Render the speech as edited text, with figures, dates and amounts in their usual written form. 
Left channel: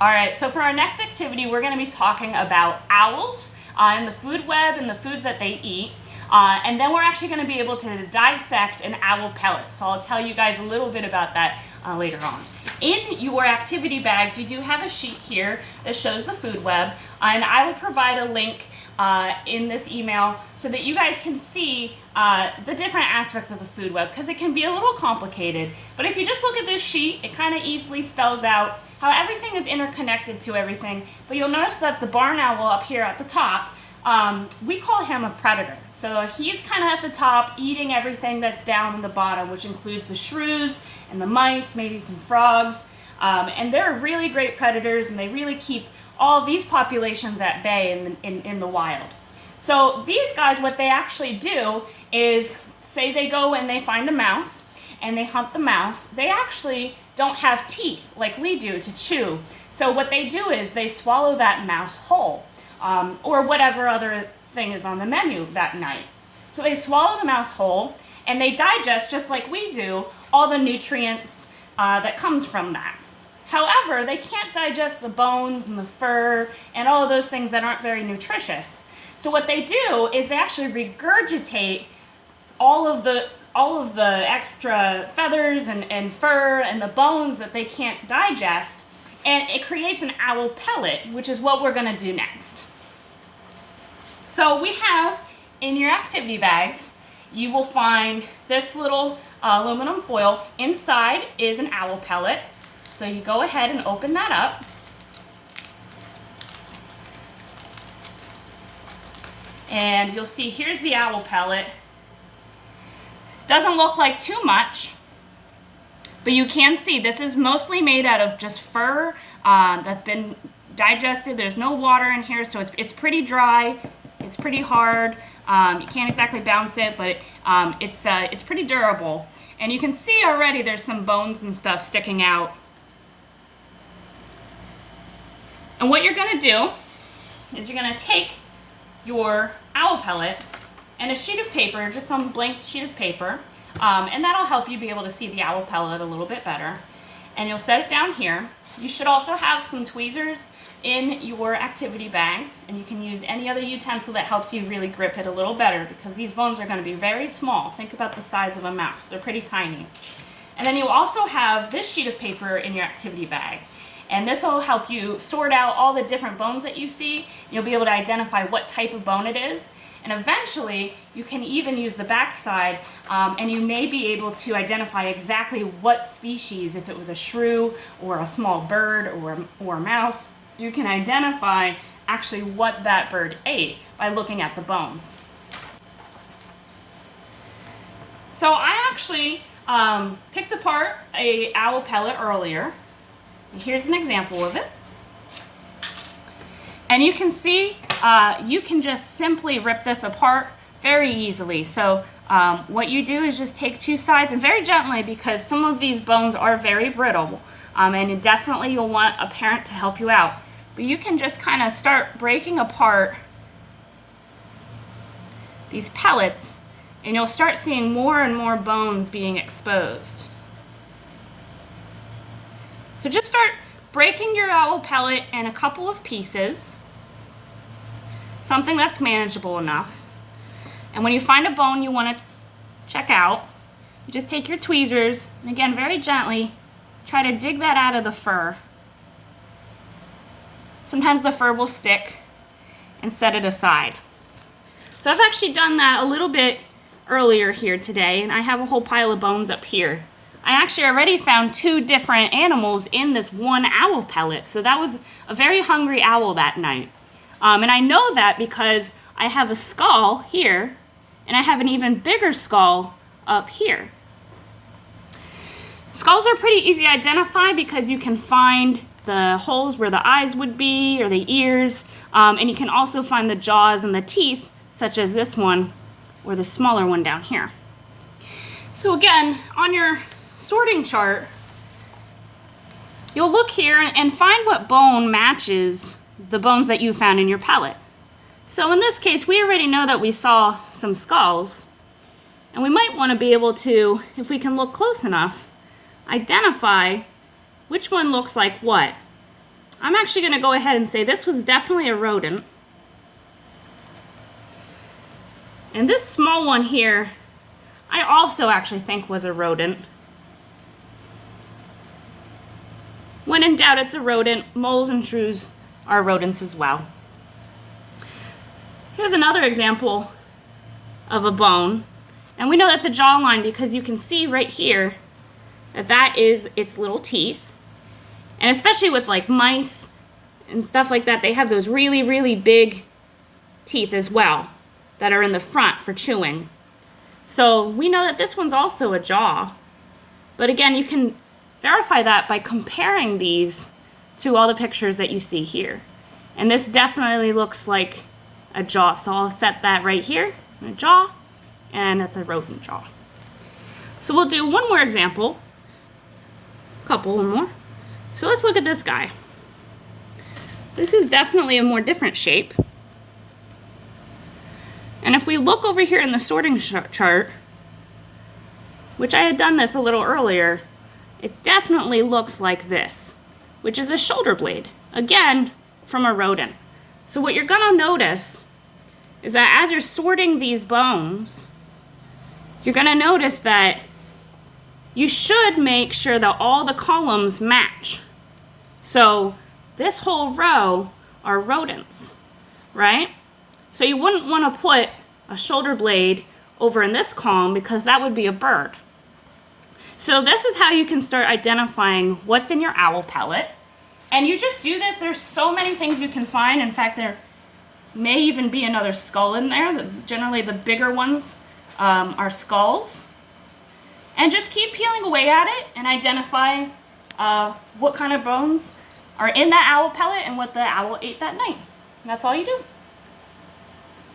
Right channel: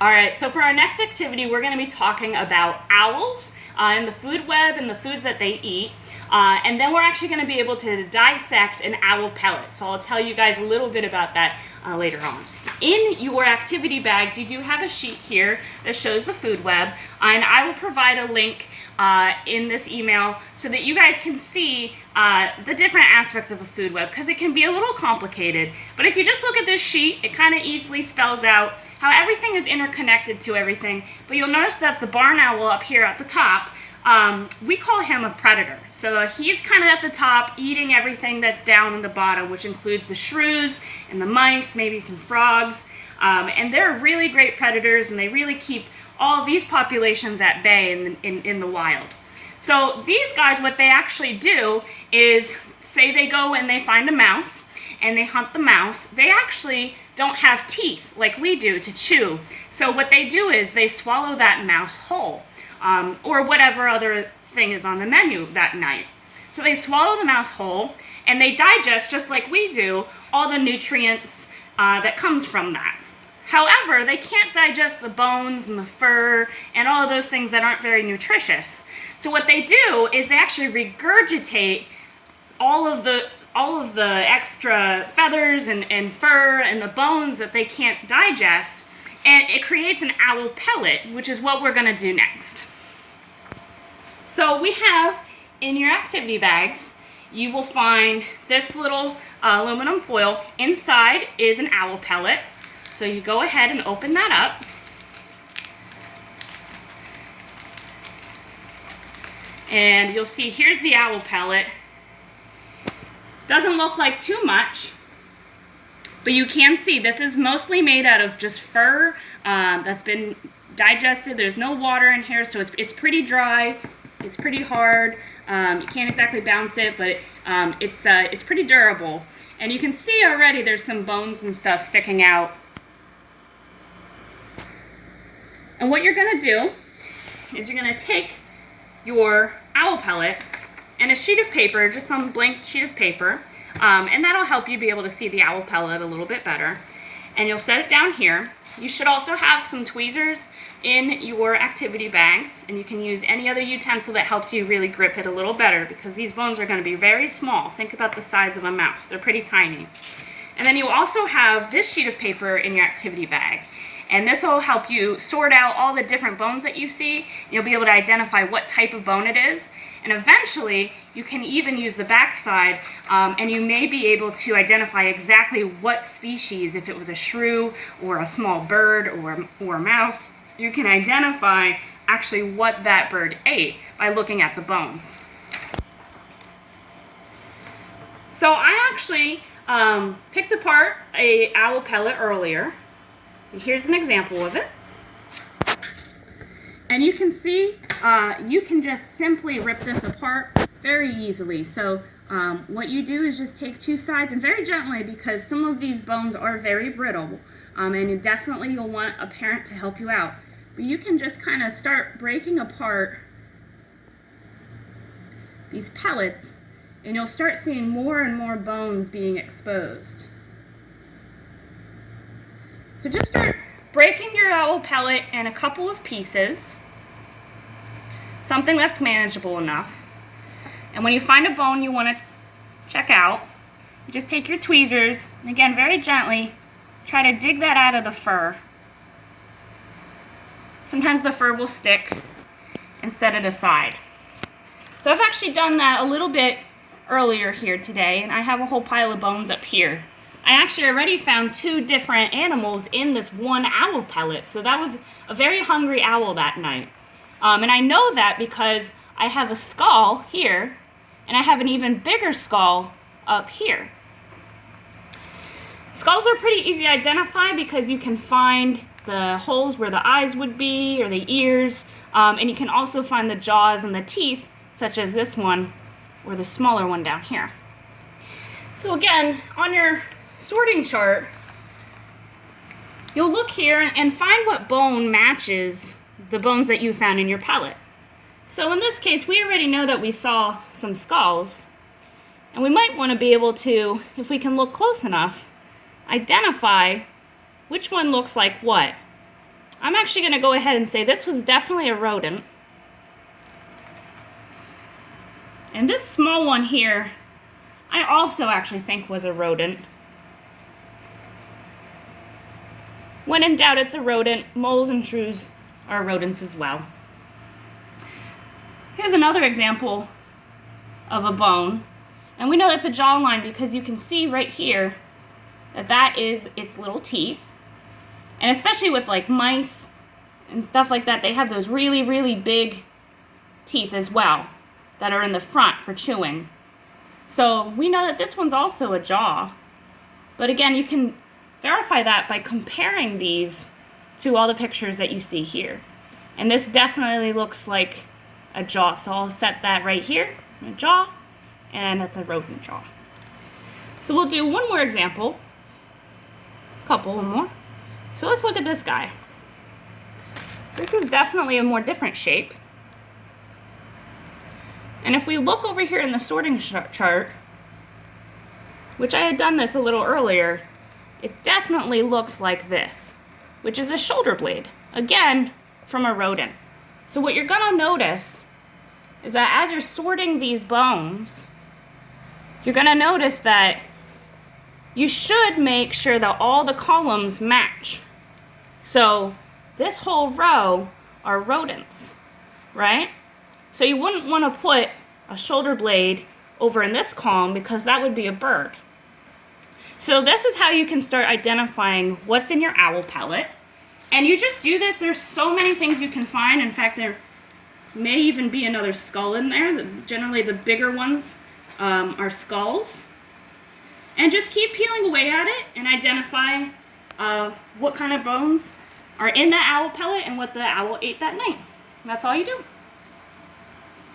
All right, so for our next activity, we're going to be talking about owls and the food web and the foods that they eat. And then we're actually going to be able to dissect an owl pellet. So I'll tell you guys a little bit about that later on. In your activity bags, you do have a sheet here that shows the food web. And I will provide a link in this email so that you guys can see the different aspects of a food web, because it can be a little complicated. But if you just look at this sheet, it kind of easily spells out how everything is interconnected to everything. But you'll notice that the barn owl up here at the top, we call him a predator. So he's kind of at the top eating everything that's down in the bottom, which includes the shrews and the mice, maybe some frogs. And they're really great predators, and they really keep all these populations at bay in the wild. So these guys, what they actually do is, say they go and they find a mouse and they hunt the mouse, they actually don't have teeth like we do to chew. So what they do is they swallow that mouse whole, or whatever other thing is on the menu that night. So they swallow the mouse whole and they digest, just like we do, all the nutrients that comes from that. However, they can't digest the bones and the fur and all of those things that aren't very nutritious. So what they do is they actually regurgitate all of the extra feathers and fur and the bones that they can't digest, and it creates an owl pellet, which is what we're going to do next. So we have in your activity bags, you will find this little aluminum foil. Inside is an owl pellet. So you go ahead and open that up. And you'll see here's the owl pellet. Doesn't look like too much, but you can see this is mostly made out of just fur that's been digested. There's no water in here, so it's pretty dry. It's pretty hard. You can't exactly bounce it, but it's pretty durable. And you can see already there's some bones and stuff sticking out. And what you're going to do is you're going to take your owl pellet and a sheet of paper, just some blank sheet of paper, and that'll help you be able to see the owl pellet a little bit better. And you'll set it down here. You should also have some tweezers in your activity bags, and you can use any other utensil that helps you really grip it a little better, because these bones are going to be very small. Think about the size of a mouse. They're pretty tiny. And then you also have this sheet of paper in your activity bag. And this will help you sort out all the different bones that you see. You'll be able to identify what type of bone it is. And eventually, you can even use the back side, and you may be able to identify exactly what species, if it was a shrew or a small bird or a mouse, you can identify actually what that bird ate by looking at the bones. So I actually picked apart an owl pellet earlier. Here's an example of it. And you can see you can just simply rip this apart very easily. So what you do is just take two sides, and very gently, because some of these bones are very brittle, and definitely you'll want a parent to help you out. But you can just kind of start breaking apart these pellets, and you'll start seeing more and more bones being exposed. So just start breaking your owl pellet in a couple of pieces, something that's manageable enough. And when you find a bone you want to check out, you just take your tweezers, and again, very gently, try to dig that out of the fur. Sometimes the fur will stick, and set it aside. So I've actually done that a little bit earlier here today, and I have a whole pile of bones up here. I actually already found two different animals in this one owl pellet, so that was a very hungry owl that night. And I know that because I have a skull here, and I have an even bigger skull up here. Skulls are pretty easy to identify because you can find the holes where the eyes would be, or the ears, and you can also find the jaws and the teeth, such as this one, or the smaller one down here. So again, on your sorting chart, you'll look here and find what bone matches the bones that you found in your pellet. So in this case, we already know that we saw some skulls, and we might want to be able to, if we can look close enough, identify which one looks like what. I'm actually going to go ahead and say this was definitely a rodent. And this small one here, I also actually think was a rodent. When in doubt, it's a rodent. Moles and shrews are rodents as well. Here's another example of a bone. And we know that's a jawline because you can see right here that that is its little teeth. And especially with like mice and stuff like that, they have those really, really big teeth as well that are in the front for chewing. So we know that this one's also a jaw. But again, you can verify that by comparing these to all the pictures that you see here. And this definitely looks like a jaw. So I'll set that right here, a jaw, and it's a rodent jaw. So we'll do one more example, one more. So let's look at this guy. This is definitely a more different shape. And if we look over here in the sorting chart, which I had done this a little earlier, it definitely looks like this, which is a shoulder blade, again, from a rodent. So what you're gonna notice is that as you're sorting these bones, you're gonna notice that you should make sure that all the columns match. So this whole row are rodents, right? So you wouldn't want to put a shoulder blade over in this column because that would be a bird. So this is how you can start identifying what's in your owl pellet. And you just do this. There's so many things you can find. In fact, there may even be another skull in there. Generally, the bigger ones are skulls. And just keep peeling away at it and identify what kind of bones are in that owl pellet and what the owl ate that night. That's all you do.